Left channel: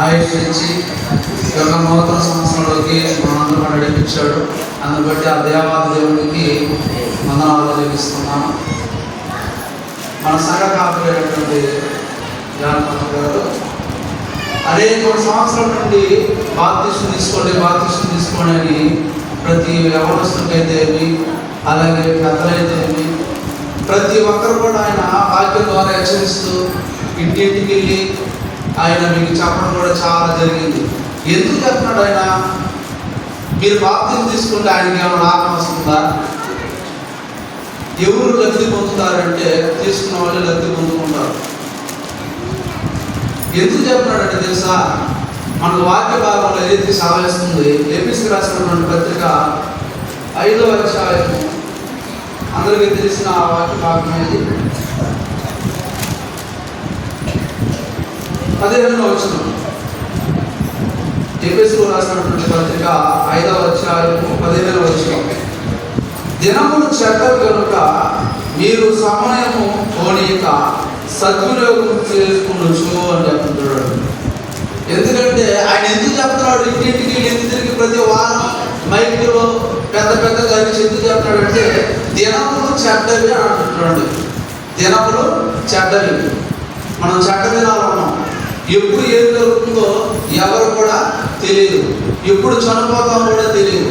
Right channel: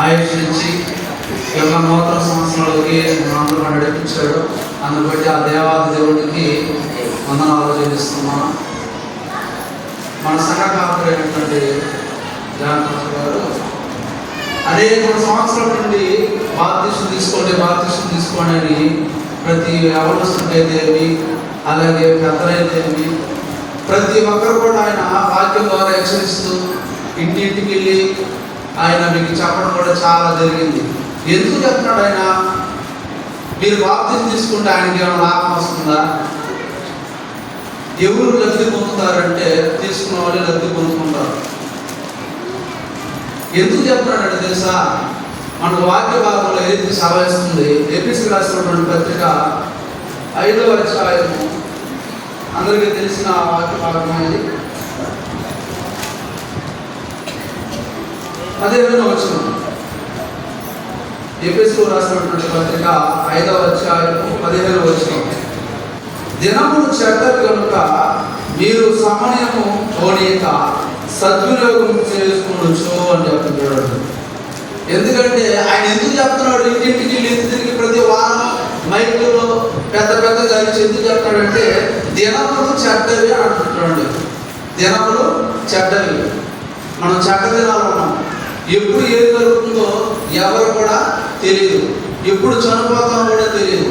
ఆయుష్ ఇచ్చి యొక్క నూతన సంవత్సరంలోకి మనందరూ నడిపించాడు. అందుబట్టి ఆ దేవాది దేవుడికి వందనాలు చెల్లిస్తున్నాను మన సంఘ కాపురైనటువంటి జానపద గారు అనేక సంవత్సరాల నుండి బాధ్యతను తీసుకోండి బాధ్యతను తీసుకోండి అని ప్రతి యవనస్తులైతేమి అలాగే పెద్దలైతేమి ప్రతి ఒక్కరు కూడా ఆయన వాక్యం ద్వారా హెచ్చరిస్తూ ఇంటింటికి వెళ్ళి ఆయన మీకు చెప్పడం కూడా చాలా జరిగింది. ఎందుకు చెప్తున్నాడు ఆయన? మీరు బాప్తిని తీసుకుంటే ఆయనకి ఏమైనా లాభం వస్తుందా? ఎవరు లబ్ధి పొందుతారంటే తీసుకున్న వాళ్ళే లబ్ధి పొందుకుంటారు. ఎందుకు చెప్తున్నాడంటే తెలుసా? మనకు వాక్య భాగంలో ఏదైతే సావేస్తుంది ఏపీసీ రాసినటువంటి పత్రిక ఐదో అధ్యాయము అందరికీ తెలిసిన ఆ వాక్య భాగం ఇది పదిహేను వచ్చిన ఏపీసీలో రాసినటువంటి పత్రిక ఐదవ అధ్యాయము పదిహేను వచ్చిన దినములు చెడ్డది కనుక మీరు సమయము పోనీక సద్వినియోగం చేసుకునొచ్చు అని చెప్తున్నాడు ఎందుకంటే ఆయన ఎందుకు చెప్తున్నాడు? ఇంటింటికి వెళ్ళి ఎందుకు తిరిగి ప్రతి వారం మైక్లో పెద్ద పెద్ద జరిగి ఎందుకు చెప్తాడంటే దినములు చెడ్డవి అని అంటున్నాడు దినములు చెడ్డవి. మనం చెడ్డ దినాలు ఎప్పుడు ఏది జరుగుతుందో ఎవరు కూడా తెలియదు. ఎప్పుడు చనిపోతామో కూడా తెలియదు.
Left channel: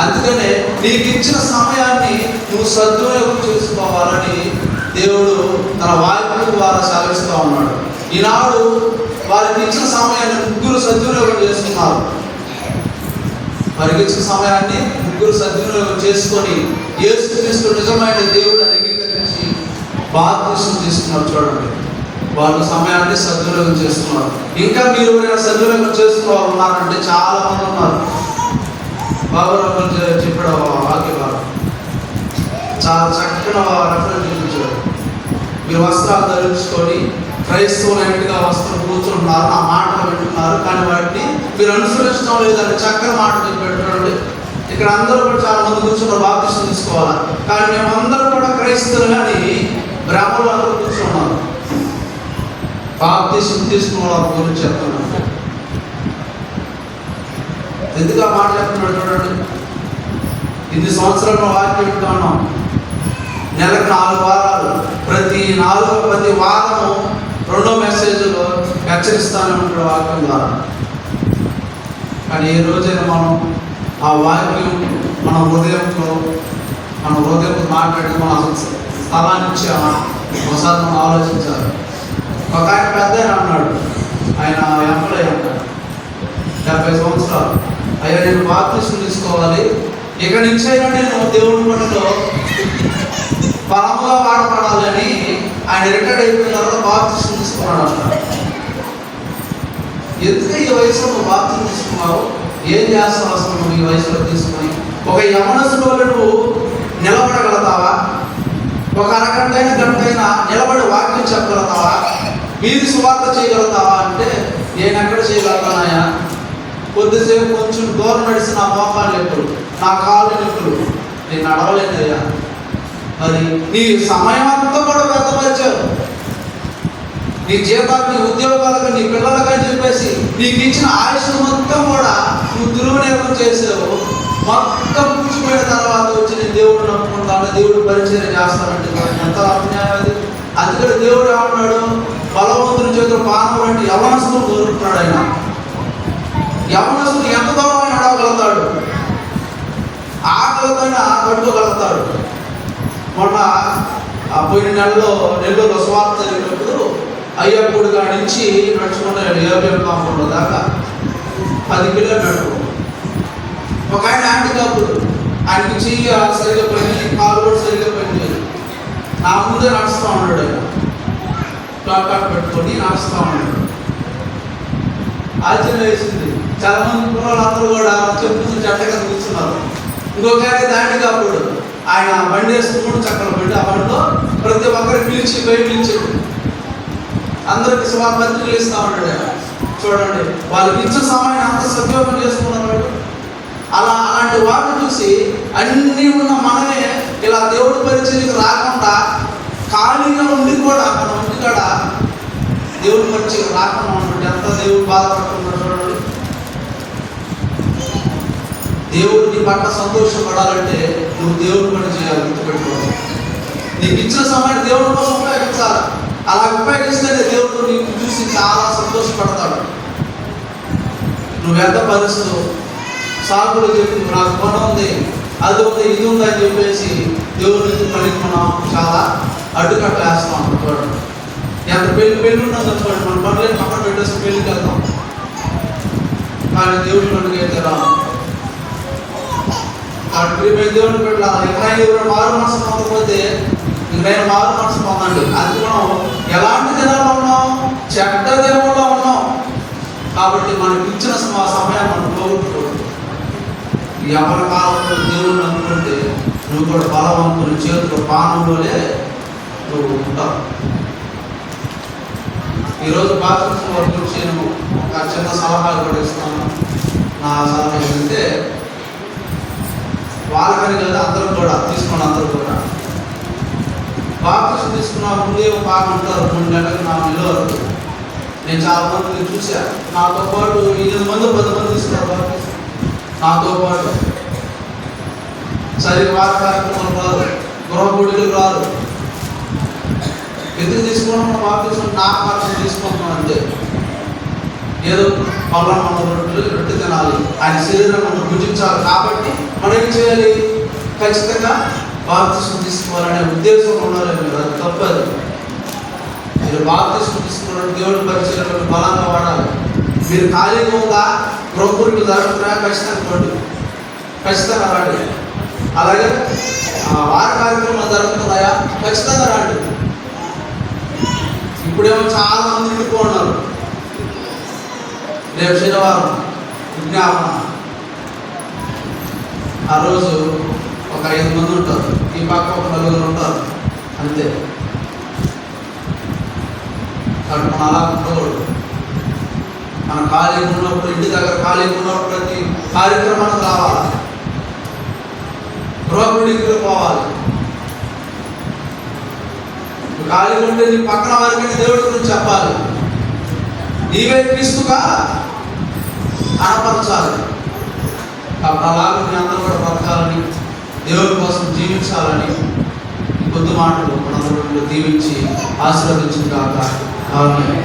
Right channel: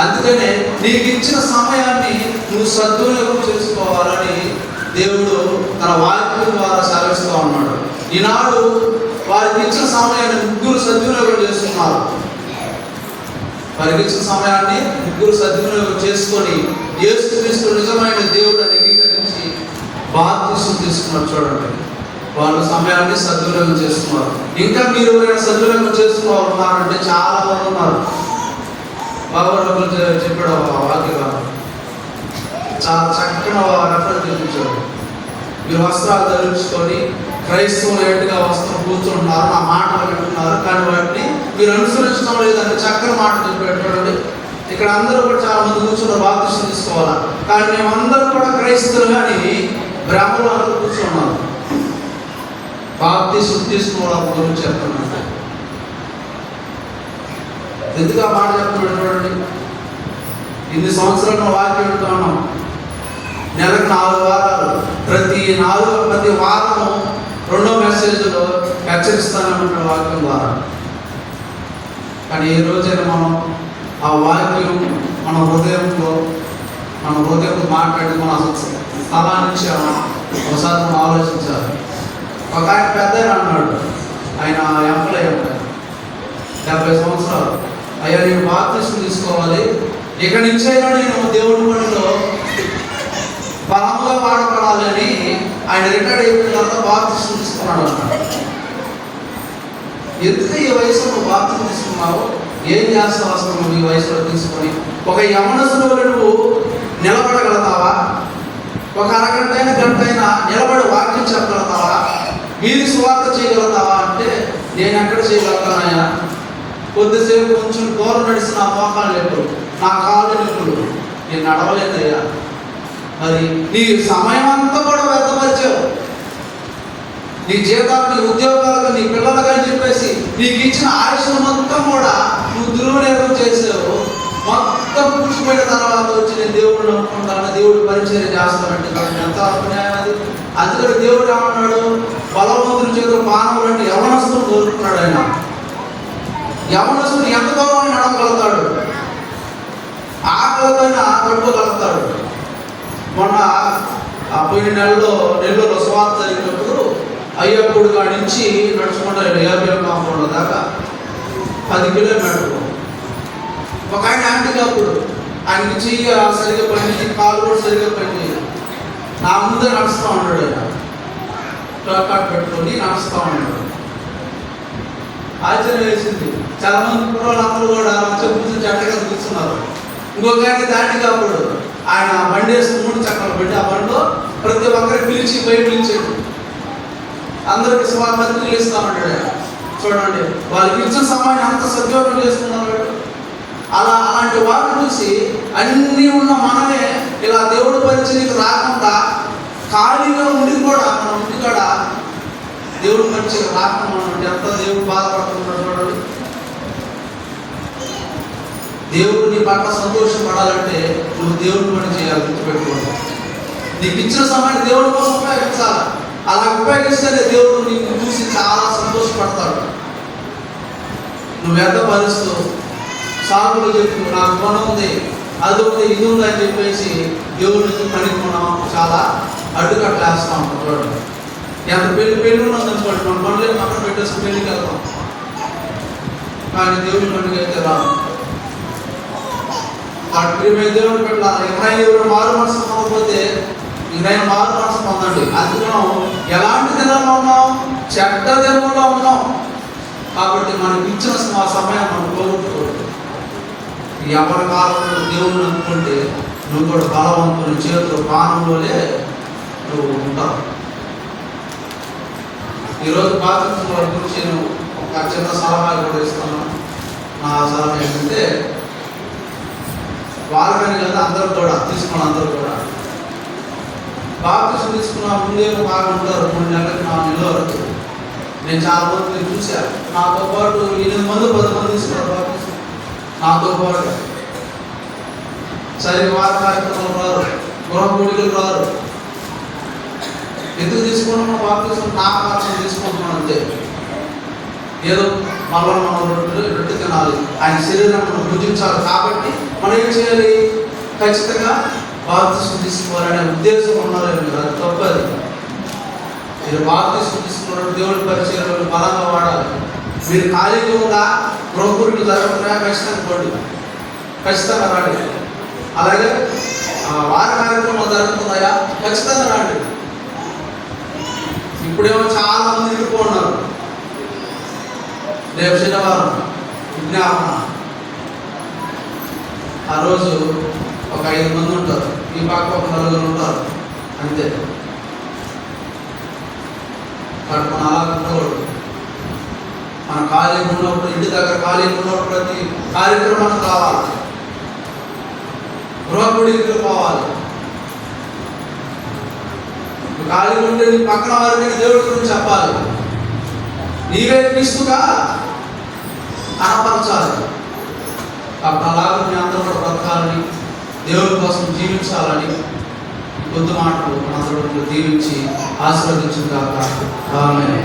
అందుకనే నీకు ఇచ్చిన సమయాన్ని నువ్వు సద్వినియోగం చేసుకోవాలని దేవుడు తన వాక్యం ద్వారా సాగిస్తూ ఉన్నాడు. ఈనాడు వారికి ఇచ్చిన సమయాన్ని ముగ్గురు సద్వినియోగం చేస్తున్నారు వారికి ఇచ్చిన సమయాన్ని ముగ్గురు సద్వినియోగం చేసుకొని యేసుక్రీస్తు నిజమైన దేవుడు అంగీకరించి బాధ్యతను తీసుకున్నారు చూడండి. వాళ్ళు సమయాన్ని సద్వినియోగం చేస్తున్నారు. ఇంకా మీరు ఎవరైనా సద్వినియోగం చేస్తున్నారు మాకంటే చాలా మంది ఉన్నారు. బాబు చెప్పాడు వాక్య చాలా చక్కగా రెఫరెన్స్ చూపించాడు మీరు వస్త్రాలు ధరించుకొని క్రైస్తవులైనట్టుగా వస్త్రం కూర్చుంటున్నారు నా మాట వింటున్నారు కానీ వాటిని మీరు అనుసరించడం లేదంటే చక్కని మాట చెప్పేటండి ఇక్కడ అందరూ కూడా చాలా మంది కూర్చున్న బాప్తిష్టం తీసుకోవాలి? కానీ మేమందరం కూడా క్రైస్తవులు కానీ బ్రాహ్మణులు అందరూ కూర్చున్నాం బాప్తిష్టం తీసుకున్న వాళ్ళ గురించి చెప్తున్నాను ఎందుకు ఆ మాట చెప్తున్నాడు ఇన్ని సంవత్సరాలు వాక్యం వింటూ ఉన్నాం నెలకు నాలుగు వారాలు. ప్రతి నాలుగు ప్రతి వారము రెండో మెసేజ్లో హెచ్చరిస్తానే ఉంటాడు వాక్యం ద్వారా. కానీ ఏ రోజైనా మనం ఆ వాక్యం మన హృదయంలో మన హృదయంతో మాట్లాడి మన స్థలాన్ని ఇచ్చామా ఒకసారి మనం ఆలోచించాలి. ఒక ఆయన పెద్ద ఆయన అన్నాడు. ఆయన ఎంప్లాయ్ అంటారు డెబ్బై సంవత్సరాలు. అయ్యా నేను బాప్తిష్టం తీసుకోవాలి. ఇక నుంచి అయినా నేను దేవుడి పనిలో బలముగా వాడపడాలి అని ఆయన రిటైర్డ్ అయిపోయిన తర్వాత బాప్తిష్టం తీసుకున్నాడు అన్నాడు. ఎందుకు ఈ వయసులో నువ్వు బాప్తిష్టం తీసుకున్నావు ఏం చేస్తావు అసలు నువ్వు ఈ వయసులో తీసుకొని? ఒక యమనసులో నువ్వు నిలబడగలుగుతావా? ఒక అరగంట అయినా గంట అయినా నిలబడి వాక్యం చెప్పగలుగుతావా? మీరు సువార్త చేయగలుగుతావా అంటే నేను ఎక్కడ చేయగలుగుతున్నాయా కొద్దిసేపు కొంచెం దూరం నడిచి నా మోకాలు ఎప్పుడు? నా కాళ్ళు నొప్పులు నేను నడవలేదయ్యా మరి నీ సమయం అంతా కూడా వ్యర్థపరిచావు. నీ జీతాలు నీ ఉద్యోగాలకు నీ పిల్లలకని అని చెప్పేసి నీకు ఇచ్చిన ఆయుష్ మొత్తం కూడా నువ్వు దుర్వినియోగం చేసావు. మొత్తం పూచిపోయిన తర్వాత వచ్చి నేను దేవుడు నమ్ముకుంటాను దేవుడు పరిచయం చేస్తానంటే ఎంత అన్యాయం అది. అందుకని దేవుడు ఏమన్నాడు? బలవంతుడి చేత పానములు అంటే యవనస్తులు కోరుకుంటున్నాడు ఆయన. యవనస్తుడు ఎంత దూరం నడవగలుగుతాడు ఆకలితోనే కట్టుకోగలుగుతాడు మొన్న ఆ పోయిన నెలలో నెల్లూరు స్వార్థ జరిగినప్పుడు అయ్యప్పుడు కాడి నుంచి నడుచుకుంటూ ఏబిఎం కాంపౌండ్ దాకా పది కిలోమీటర్లు. ఒక ఆయన యాంటీ కాపుడు ఆయనకి చెయ్యి సరిగ్గా పని కాలు కూడా సరిగ్గా పని నా ముందే నడుస్తూ ఉన్నాడు ఆయన ప్లాకార్డ్ పెట్టుకొని నడుస్తూ ఉన్నాడు. ఆశ్చర్యం వేసింది. చాలా మంది కుర్రోళ్ళందరూ కూడా చెప్పుకుని జట్టగా కూర్చున్నారు. ఇంకొక దాటి కాకూడదు ఆయన బండి వేసి మూడు చక్రాలు పెట్టి ఆ బండిలో ప్రతి ఒక్కరికి పిలిచి పోయి పిలిచాడు అందరికి సుమారు పత్రికలు ఇస్తా ఉంటాడు చూడండి వాళ్ళకి ఇచ్చిన సమయాన్ని అంత సద్వినియోగం చేసుకున్నారు అలా అలాంటి వారిని చూసి అన్నీ ఉన్న మనమే ఇలా దేవుడి పరిచయకు రాకుండా ఖాళీగా ఉండి కూడా మన ఇంటికాడ నుంచి రాకుండా ఎంత దేవుడు బాధపడుతున్నాడు చూడండి. దేవుడు నీ పట్ల సంతోషపడాలంటే నువ్వు దేవుడి పని చేయాలి గుర్తుపెట్టుకోండి. నీకు ఇచ్చిన సమయాన్ని దేవుడి కోసం ఉపయోగించాలి. అలా ఉపయోగిస్తేనే దేవుడు నీకు చూసి చాలా సంతోషపడతాడు. నువ్వు ఎంత భరిస్తూ సాగులు చెప్పి నాకు పని ఉంది అది ఉంది ఇది ఉంది అని చెప్పేసి దేవుడి నుంచి పనికి మనం చాలా అడ్డుకట్టేస్తాం. చూడండి. ఎంత పెళ్ళి పెళ్ళి ఉన్నది అనుకోండి. మన పనులు పక్కన పెట్టేసి పెళ్ళికి వెళ్తాం. కానీ దేవుడి పండుగ అయితే రా కాబట్టి ప్రియమైన పెట్టాలి ఎక్కడైనా ఎవరు మారు మనసు పొందకపోతే ఇంకైనా మారు మనసు పొందండి. అది మనం ఎలాంటి దినంలో ఉన్నాం? చెడ్డ దినంలో ఉన్నాం. కాబట్టి మనం ఇచ్చిన మా సమయం మనం పోగొట్టుకోవద్దు ఎవరి కాలంలో దేవుడిని అనుకుంటే నువ్వు కూడా బలవంతుని చేతులు ప్రాణంలోనే నువ్వు ఉంటావు. ఈరోజు బాధ్యత గురించి నేను ఒక చిన్న సలహా కూడా ఇస్తాను నా సలహా ఏంటంటే వాళ్ళని కదా అందరూ కూడా తీసుకున్న అందరూ కూడా బాప్తిసం తీసుకున్న ముందే బాగా ఉంటారు. మూడు నెలలకు నాలుగు నెలల వరకు. నేను చాలా మందిని చూశాను నాతో పాటు ఎనిమిది మంది పది మంది తీసుకున్నారు బాప్తిసం. నాతో పాటు. సరే వారి కార్యక్రమాలు రారు. గృహ కోడికలు రారు. ఎందుకు తీసుకుంటున్నాం బాప్తిసం నా కోసం తీసుకుంటున్నాం అంతే. ఏదో మళ్ళా మనం రొట్టెలు రొట్టె తినాలి. ఆయన శరీరం మనం భుజించాలి కాబట్టి మనం ఏం చేయాలి? ఖచ్చితంగా బాప్తిసం తీసుకోవాలనే ఉద్దేశం ఉండాలని అది తప్పదు. మీరు బాప్తిసం తీసుకోవడం దేవుడి పరిచయంలో బలంగా వాడాలి. మీరు ఖాళీగా ఉందా? ప్రకృతి జరగకుండా ఖచ్చితంగా పోండి ఖచ్చితంగా రండి అలాగే వార వారి కార్యక్రమం జరుగుతున్నాయా? ఖచ్చితంగా రండి ఇప్పుడేమో చాలా మంది నిండిపోతున్నారు రేపు శనివారం విజ్ఞాపన. ఆ రోజు ఒక ఐదు మంది ఉంటారు. ఈ పక్క ఒక నలుగురు ఉంటారు. అంతే. కానీ మన అలా ఉండకూడదు మన ఖాళీ ఉన్నప్పుడు ఇంటి దగ్గర ఖాళీగా ఉన్నప్పుడు ప్రతి కార్యక్రమానికి రావాలి. గృహగుడికి పోవాలి. ఖాళీ ఉంటే నీ పక్కన వారికి దేవుడి గురించి చెప్పాలి. నీవే క్రీస్తుగా అనపరచాలి కాబట్టి అలాగే మీ అందరూ కూడా బ్రతకాలని దేవుడి కోసం జీవించాలని కొద్ది మాటలు మనందరూ దీవించి ఆశీర్వదించిన కాక వాళ్ళని